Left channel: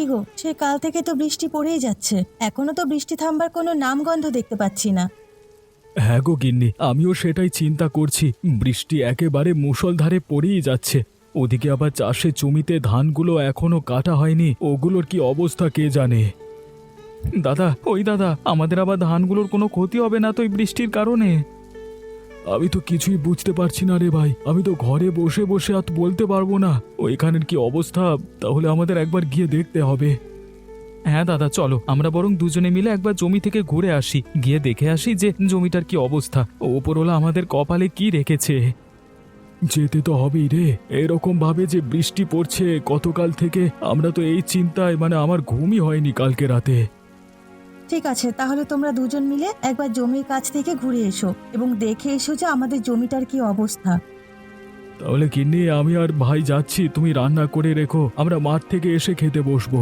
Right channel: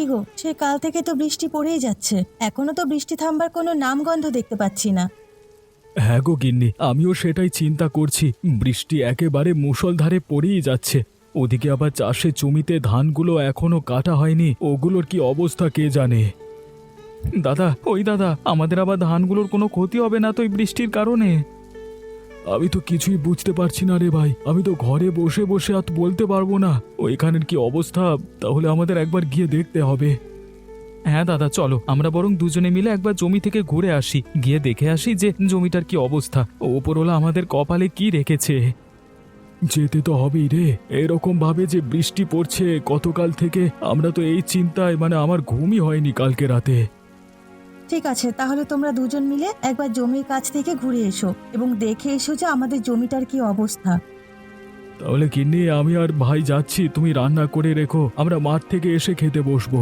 কি গো, সে কাল থেকে তো বৃষ্টি পড়েই যাচ্ছে, এখনো তো বৃষ্টি থামবার কোনো নামগন্ধ দেখতে পাচ্ছি না। হ্যাঁ গো গিন্নি, আমিও সেটাই চিন্তা করছি। বৃষ্টি একেবারে মুষলধারে পড়েই যাচ্ছে। ওদিকে আবার চাষের জমিতে ধানগুলো এখনো কাটা হয়নি, ওগুলোর কি অবস্থা কে জানে। দাদা, ওই দাদা, আমাদের আবার ধানগুলোর কোনো ক্ষতি হবে না তো এই বৃষ্টির কারণে? আমি তো কিছুই বুঝতে পারছি না রে ভাই। আমি তো ঘরে বসে বসে আর বলতে পারবো না ওইখানের কি অবস্থা। তাহলে আমাদের একবার গিয়ে দেখতে হবে। হ্যাঁ দাদা, চলো আমরা বরং দুজনে মিলে একবার জমি থেকে ঘুরে আসি, গিয়ে দেখে আসি যে জমিটার কি অবস্থা, ওপরওয়ালা আমাদের কপালে কি রেখেছে। যেতে তো হবেই রে, এরকম ভাবে যে বৃষ্টি পড়ছে গতকাল থেকে, আমরা তো এই চিন্তায় আমার ঘুমই হয়নি কালকে রাতে। ঠিক আছে, তাহলে তোমরা দুজন মিলে একবার জমির কাছ থেকে ঘুরে এসো এবং দেখে এসো যে আমাদের জমিটার কি অবস্থা। তাহলে কিন্নি, আমি আর ভাই যাচ্ছি, তুমি রান্না করে রেখো, আমরা মাঠ থেকে এসে খেতে বসবো।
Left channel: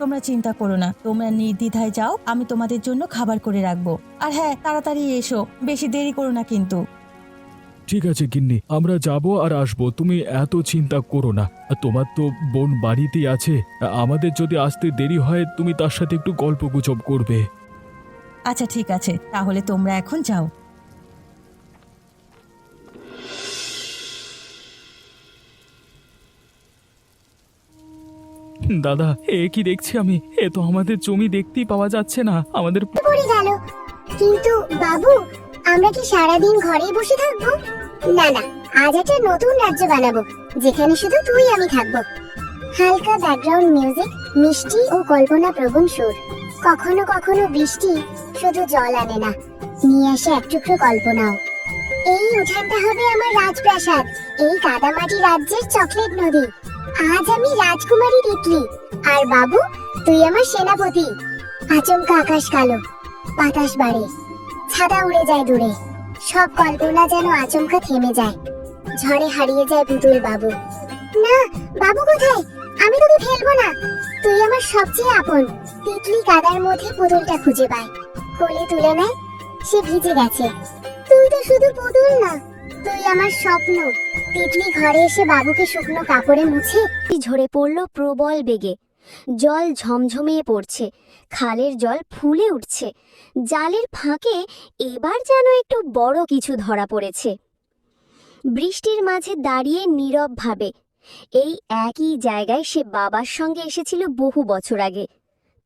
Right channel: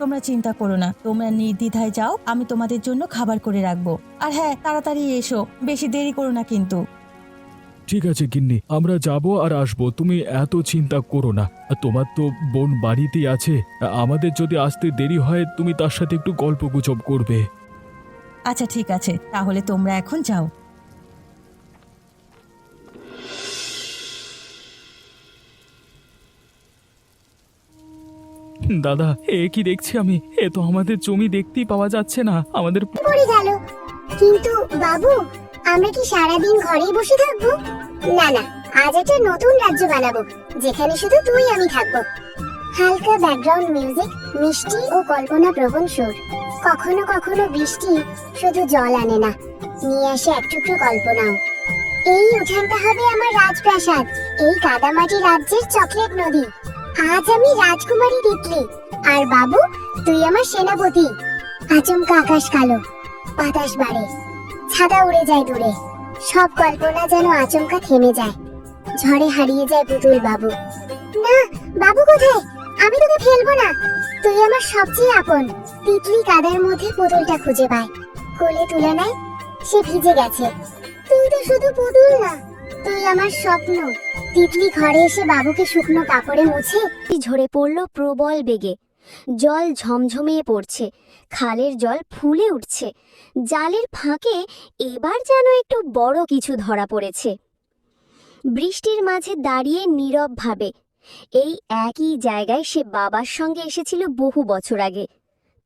তোমরা চিন্তা করো না, তোমরা নির্দ্বিধায় যাও, আমি তোমাদের জন্য খাবার করে রাখবো। আর হ্যাঁ, তাড়াতাড়ি এসো, বেশি দেরি করো না কিন্তু। ঠিক আছে গিন্নি, আমরা যাব আর আসবো, তুমি এত চিন্তা করো না। আর তোমার তো বোন বাড়িতেই আছে, আমাদের যদি আসতে দেরি হয় তুমি তার সাথে একটু গল্পগুজব করবে। আচ্ছা ঠিক আছে, তাহলে তোমরা এখন যাও। দাদা, এ কি দেখছি আমি, এ তো আমাদের জমি দেখতেই পাওয়া যাচ্ছে না। আমাদের পড়ে গেল। কিন্তু বাবু, আমরা কি সারাদিন ঘরেই বসে থাকবো? না না, আজ একটা নতুন রাজ্য বানাবো, যেখানে শুধু তুই আমি থাকবো। হালকা ব্যাকগ্রাউন্ড মিউজিক, মিষ্টি ও কল্পনা প্রবণ সুর। কখনো কখনো বৃষ্টি শুধু জল আনে না, নিয়ে আসে এক টুকরো কল্পনাও। এই উঠানটা হবে আমার রাজপ্রাসাদ, এই কাদামাটি রাজ্যের চকলেট নদী। আজ আমি রাজকুমারী তিতলি, আর বাবু তুই আমার সেনাপতি। আচমকা আকাশ কালো, বাতাস বাড়ে, ছাতা উড়ে যায় দূরে, সব কল্পনা যেন আচমকা থেমে যায়, ঝড়ে হারিয়ে যায় পুতুল বাবু। না, বাবু কোথায়? আমি তোকে ফেলবো না, তুই আমার সবচেয়ে আপন। তিতলি কাদার মধ্যে পুতুলটা খুঁজে পায়, কোলে তুলে নেয়। সে ভিজে গেছে। তুই তো শুধু পুতুল না, তুই আমার স্বপ্ন। তিতলি ঘরে এসে বাবুকে শুকনো কাপড়ে মুছে ঝরে পড়ল প্রবল বেগে। জল ঝমঝমিয়ে পড়ছে, খালের জল ফুলে উঠছে। জালের ফাঁকে এবার যেন একটু বড় কিছু ধরা পড়েছে। বৃষ্টির মাঝে দাঁড়িয়ে নীরব ভাবে, এই একই জায়গায় সে বাবার সঙ্গে এসেছিল বহু বছর আগে।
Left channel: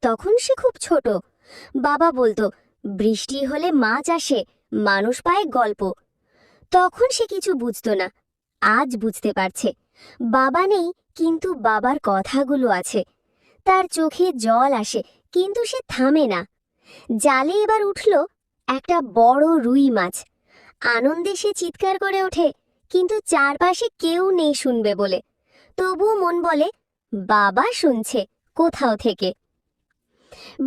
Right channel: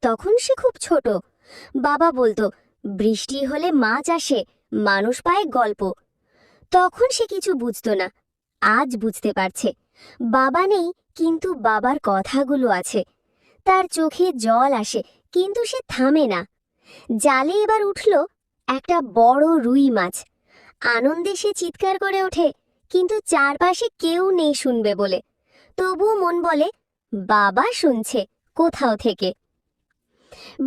তখন সে খুব ছোট। বাবা বলতো, বৃষ্টি হলে মাছ আসে, মানুষ পায় গল্প। তখন সে কিছু বুঝতো না, আজ বুঝতে পারছে। বাবা নেই, কিন্তু বাবার কথাগুলো আছে। তার চোখে জল আসে, কিন্তু সে থামে না। জালে এবার উঠল একটা বড় রুই মাছ। আনন্দে সে চিৎকার করে ওঠে, কিন্তু চারপাশে কেউ নেই শুনবে বলে। তবুও মন বলে, বাবা শুনছে কোথাও থেকে।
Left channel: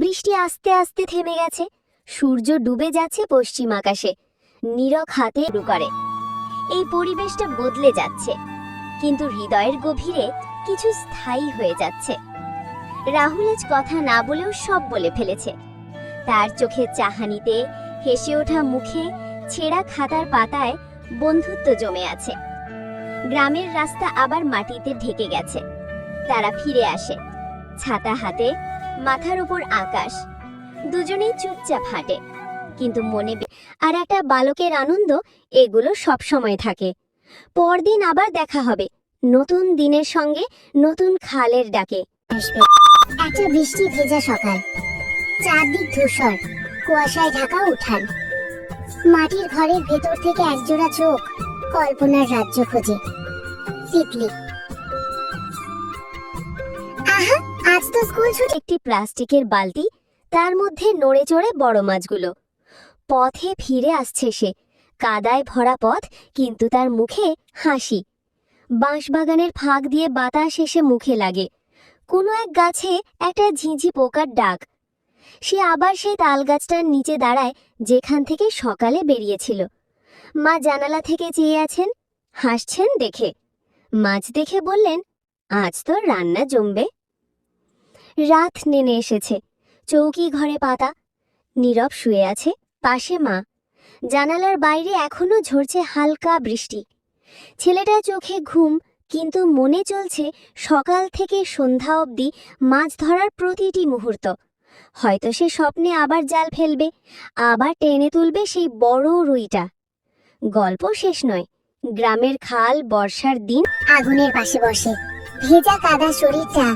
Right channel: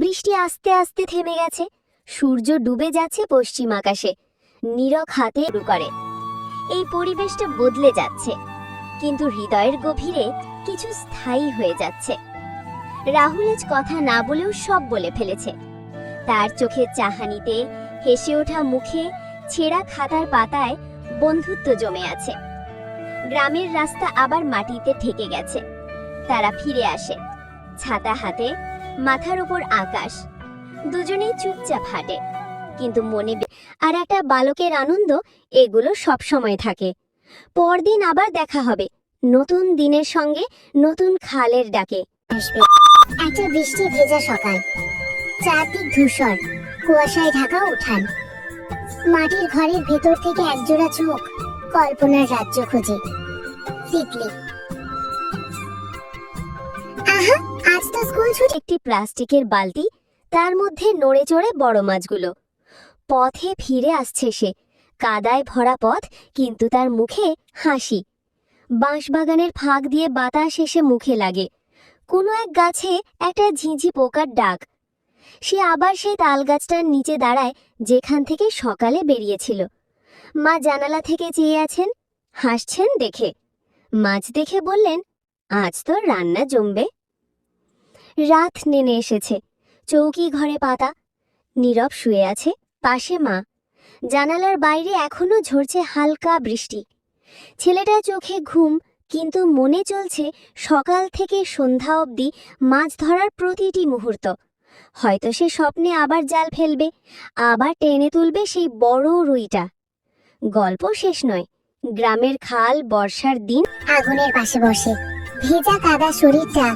বৃষ্টি আস্তে আস্তে থেমে গেছে, সূর্য ডুবে যাচ্ছে পশ্চিম আকাশে। নীরব হাতে শুরু করে। এই পরিবেশটা বদলে যাচ্ছে, কিন্তু হৃদয়ের গভীরে কিছু স্থায়ী হয়ে যাচ্ছে। রাহুল আজ কথা না বলেও সব বলে ফেলেছে। তার চোখের চাহানিতে, হেসে ওঠা মুখে, ছেঁড়া খাতার পাতায় বন্ধুত্ব জমে আছে। গ্রামের রাস্তা আবার মাটিতে ঢেকে গেছে। তারা ফিরে আসে, ছাতা হাতে, মাথার উপর আকাশ। দুজনেই চুপচাপ হাঁটে, কিন্তু মনে আর একটা বালকের আনন্দ, এগুলো সব সময় থাকে। পরদিন আবার দেখা হবে, নতুন দিনের সঙ্গে, নতুন খালের ডাকে। একটা বৃষ্টি ভেজা সকাল, চারদিক ধূসর, কুয়াশায় ঢাকা উঠান। মাটির ঘরের ভেতর থেকে একজোড়া চোখ কল্পনার রাজ্য খোঁজে। তিতলি। আহা, আজ তো স্কুল ছুটি। একটি প্লাস্টিকের বালতি, তার মধ্যে নড়ে চড়ে বড় মাছগুলো। পথে ফিরে আসছে সে, কাদায় ভরা পথ, কিন্তু তার মুখে হাসি। বাঁশবাগানের ফাঁক দিয়ে বাতাস এসে মুখে লাগে। কোনো এক গাছে একটা ঝিঁঝি পোকার ডাক। সে আবার সেই তাল গাছটার নিচে দাঁড়ায়, যেখান থেকে সকালে বেরিয়েছিল। মা জানালা থেকে চেয়ে আছেন, হাসছেন দেখে। মাছ দেখে বললেন, আজ তো রান্না জমবে। রাত নেমে এসেছে, চৌকি ঘরে পাতা। নীরব শুয়ে আছে, পাশে মা। জানালার বাইরে এখনো ঝরছে হালকা বৃষ্টি। ছেলেটার চোখে ঘুম, কিন্তু মনে চলছে সকাল থেকে সন্ধ্যা অবধি মাছ ধরার প্রতিটি মুহূর্ত। হয়তো সে স্বপ্নে আবার জাল ফেলবে, আবার টেনে তুলবে সেই বড় রুইটা। গল্প শেষ নয়। গ্রামের খাল বর্ষার দিন আগুনের পাশে বসে ভেজা কাদা শরীরটা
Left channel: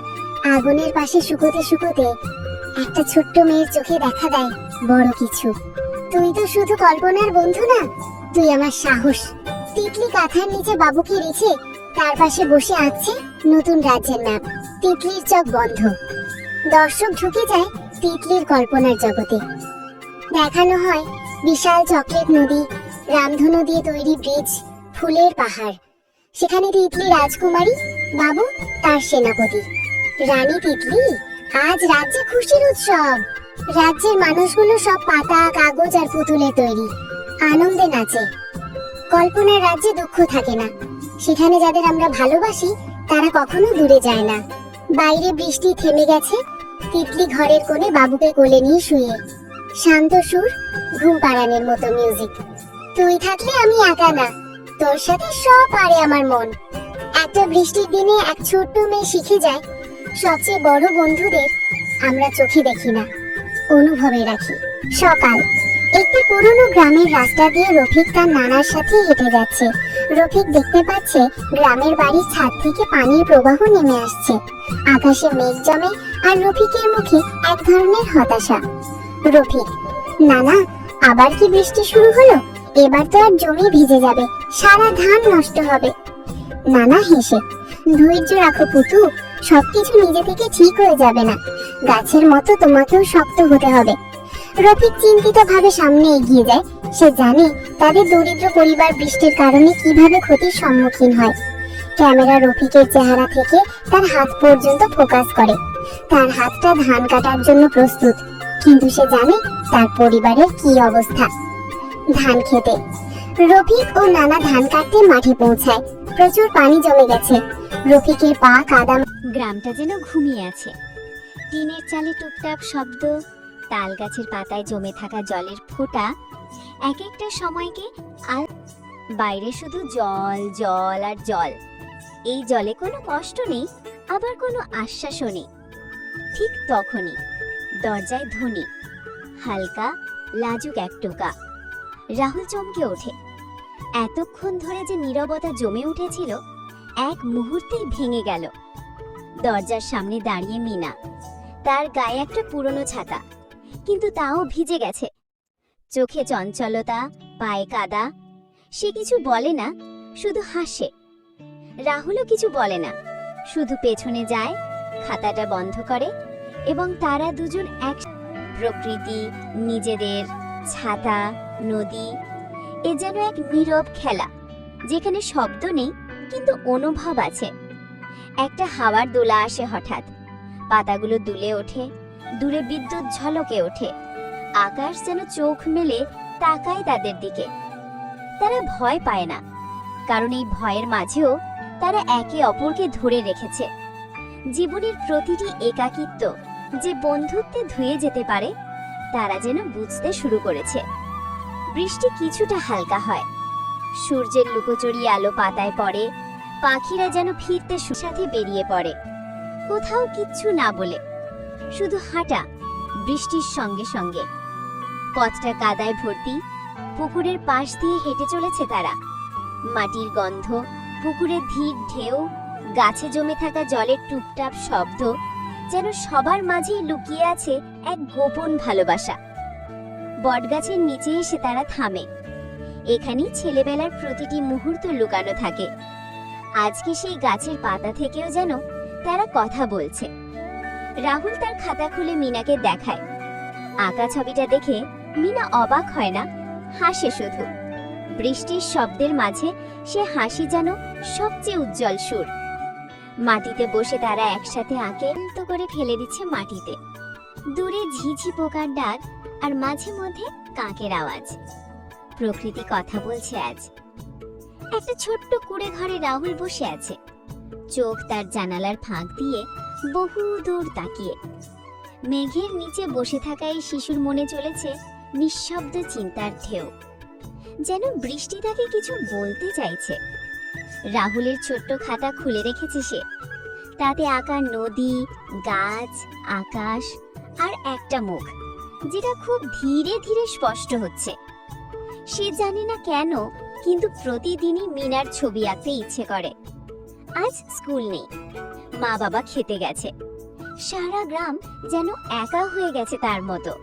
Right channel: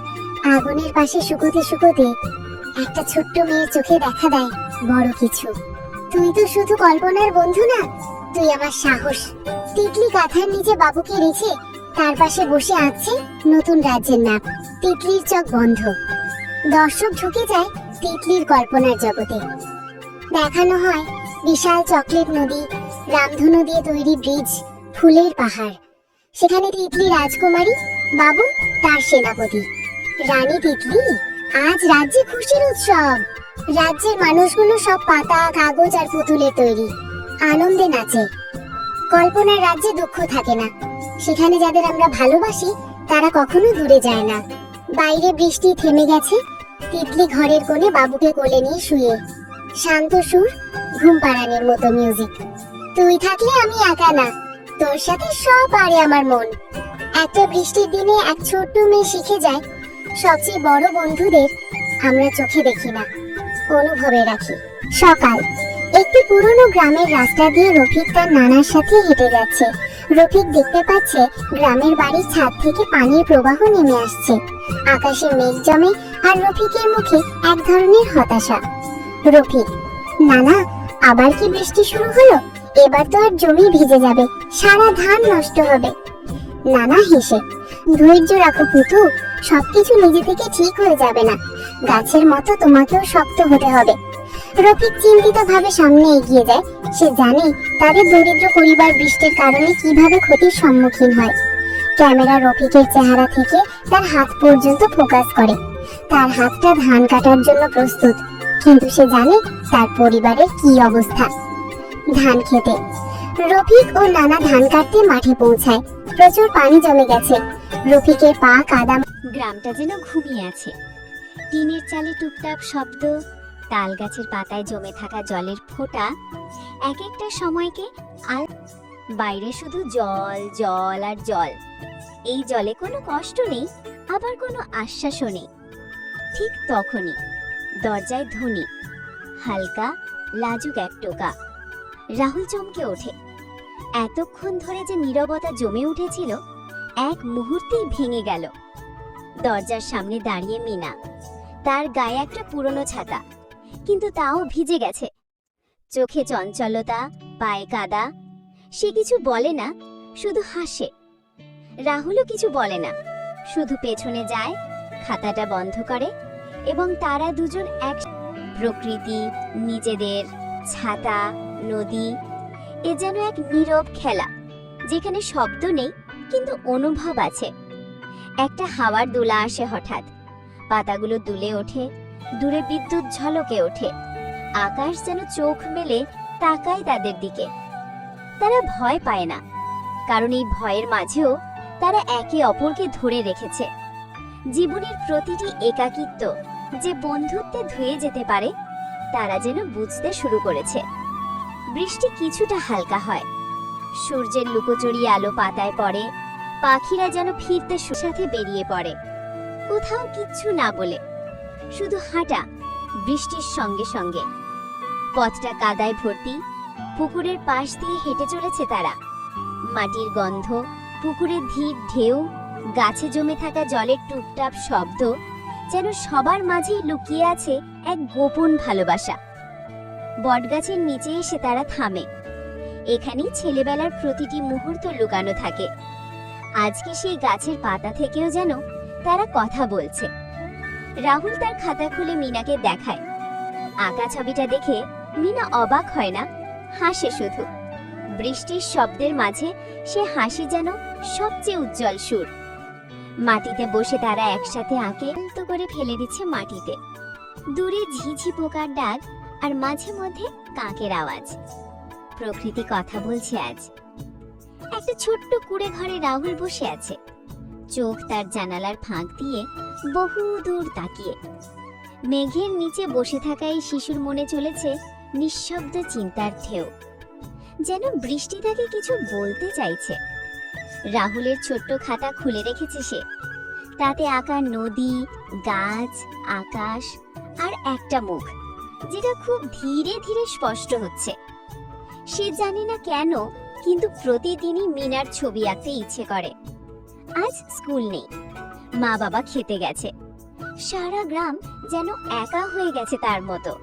আগুনের পাশে শুকোতে শুকোতে একটা ছোট্ট মেয়ের চোখে দেখা দেয় বড় কিছু। তুই তো শুধু কল্পনার বন্ধু না, তুই আমার সাহস। তিতলি কাঁথার নিচে বাবুকে রেখে তার পাশে বসে আঁকছে নতুন রাজ্যের ম্যাপ। তিতলির চোখ বন্ধ। দর্শক ঢুকে যায় তিতলির কল্পনার জগতে। দেখানো হয় বিশাল চকলেট নদী, রামধনু দিয়ে তৈরি ব্রিজ, ফুলের পাহাড়। সেখানে তিতলি রাজকুমারী, বাবু তার সেনাপতি। রানী তিতলি, আজ রাজ্যে খুশির উৎসব। রাজ্যের মানুষগুলো সব পাতা, কাগজ আর পুতুলের তৈরি, আনন্দে নাচে। কল্পনার রাজ্যে দুঃখ থাকে না। সেখানে যাদের আমরা ভালোবাসি তারা কখনো দূরে যায় না। বাইরে বৃষ্টি থেমে গেছে। তিতলি ঘরের কোণে বাবুকে কোলে নিয়ে শুয়ে, শান্ত সুর, ঘুম পাড়ানোর মতো মিউজিক। তুই থাকলে আমি একা না, তোর সাথে সব পারে আমার মন। একটা বৃষ্টির দিনে এক ছোট্ট মেয়ে শিখে যায় সবচেয়ে বড় বন্ধুদের আমরা চোখে দেখি না, অনুভবে রাখি। সকাল, একটি পুরনো গ্রামের রাস্তা দিয়ে রফিক তার নানার সাথে হেঁটে যাচ্ছে। রফিক দেখতে পাচ্ছে গ্রামের বাড়ির ছাদ থেকে পানির প্রবাহ নেমে আসছে। আকাশে মেঘ জমে আর রফিকের মুখে এক ধরনের হতাশা। রফিক, নানা, আবার কি বৃষ্টি শুরু হলো? এবার তো আর জমি ভিজে যাবে, সারা ধান নষ্ট হবে। নানা হেসে, ধৈর্য রাখো পুতু, সবকিছু নিজে থেকে ঠিক হয়ে যাবে না। গাছের মতো তোমাকেও শক্ত হতে হবে। রফিক চিন্তিত ভাবে সামনে এগিয়ে যায়। সে জানে তাদের দরিদ্র পরিবার বৃষ্টির কারণে কিভাবে ক্ষতির সম্মুখীন হয়। ক্যামেরা রফিকের চেহারা থেকে তার হাত পর্যন্ত ফোকাস করে। তার হাতটা ধান কাটার জন্য প্রস্তুত, কিন্তু সে জানে তার পরিবারের কি অবস্থা। ধান খেতে রফিক ও নানা ধান কাটতে মাঠে পৌঁছায়। প্রচুর পানি জমে গেছে। রফিকের পা কাদা। গ্রামটা যেন ঘুমিয়ে আছে। টিনের চালে টুকটাক শব্দ, তাল গাছের পাতায় জমে থাকা জলের ফোঁটা এক একটা সময়কে। আর বাইরে শুধু জল জল আর জল। এই জলে কোনো কষ্ট নেই, আবার কোনো আশ্বাসও নেই। ঠিক তখনই দরজায় ধ্বনি, হালকা লাজুক এক টোকা। রাহুল চমকে ওঠে। এতক্ষণ ধরে যে নীরবতা জমে উঠেছিল এক মুহূর্তেই ভেঙে গেল। দরজার সামনে দাঁড়িয়ে মিনা। তার গায়ে একটা পুরনো ছাতা, কিন্তু তাও ভিজে গেছে। চোখে চঞ্চলতা, পায়ে কাদা। সে কিছু বলে না, শুধু হাসে। রাহুলও কিছু বলে না, শুধু পেছনে যায়, খাতাটা বন্ধ করে এবং তারা দুজন এক। প্রকৃতি, নিজেদের, ছাতা, নদী, এ যেন এক নীরব খেলা যেখানে শব্দ নেই কিন্তু অনুভব আছে। একটা হাওয়ার দোলা আসে হঠাৎ, পাতাগুলো দুলে ওঠে, দূরে বিদ্যুৎ ঝলকে ওঠে। আকাশ যেন চোখ মেলে তাকায় তাদের দিকে। তারা ভয় পায় না, কারণ এই ভয়ের মাঝেও তারা একে অপরকে ধরে রেখেছে। জীবনের প্রতিটি একাকিত্ব যে বন্ধুত্বে ধুয়ে যেতে পারে তারা যেন বুঝতে শুরু করেছে। বৃষ্টি কিছুটা হালকা হয়, সূর্যের লুকোচুরি আলো পাতায় পড়ে। পাখিরা যেন ফিরতে সাথে বেরিয়ে পড়ে, কোথাও কিচ্ছু না বলে, শুধু হাঁটা বৃষ্টির সঙ্গে সঙ্গে। পথটা কাদায় ভর্তি। পুকুরের পাশ দিয়ে হেঁটে চলেছে তারা। মাটির গন্ধ, পুকুরের ধীর ঢেউ, গাছে জমে থাকা জলের টুপটাপ শব্দ, যেন সবার মাঝেই লুকিয়ে আছে এক গোপন ভালোবাসা। বটগাছের নিচে এসে তারা থামে। এখানেই ছেলেবেলার প্রতিটি মুহূর্ত লুকানো থাকে। আজকে সেই গাছের পাতা থেকেও যেন তারা কথা বলছে। রাহুল তার খাতা খুলে মিনাকে দেখায়। আঁকা ছবিটা দেখে মিনা অবাক হয় না, হাসে শুধু। বৃষ্টির শব্দের মাঝে সে হাসি যেন সবচেয়ে উজ্জ্বল সুর। মাটিতে বসে তারা একসাথে আঁকে তো করে ফেলে দিচ্ছে মাটিতে। দূরে ঝিঝি পোকার ডাক আর মাঝে মধ্যে কাকের আওয়াজ। প্রকৃতি কথা বলছে আজ। একটা ছোট্ট কুড়ে ঘরে রাহুল বসে আছে, চোখ তার জানালার ফাঁক দিয়ে বহু দূর তাকিয়ে। মেঘের নিচে বসে থাকা এই শিশুর মনে চলেছে নিঃশব্দ চিন্তার ঢেউ। যেন বৃষ্টি তাকে কিছু বলতে চাইছে। রাহুলের ছোট্ট খাতা খুলে রেখেছে সে। তাতে আঁকা নদী, গাছ, আকাশ আর একটা মুখ, যেটা খুব ধীরে ধীরে স্পষ্ট হচ্ছে। সে জানে না কেন, কিন্তু প্রতিদিনই মিনার ছবি আঁকতে ইচ্ছে করে। আজ স্কুল নেই, মা বাবা খেতে গেছে, সারা গ্রাম যেন একা হয়ে গেছে তার মতো।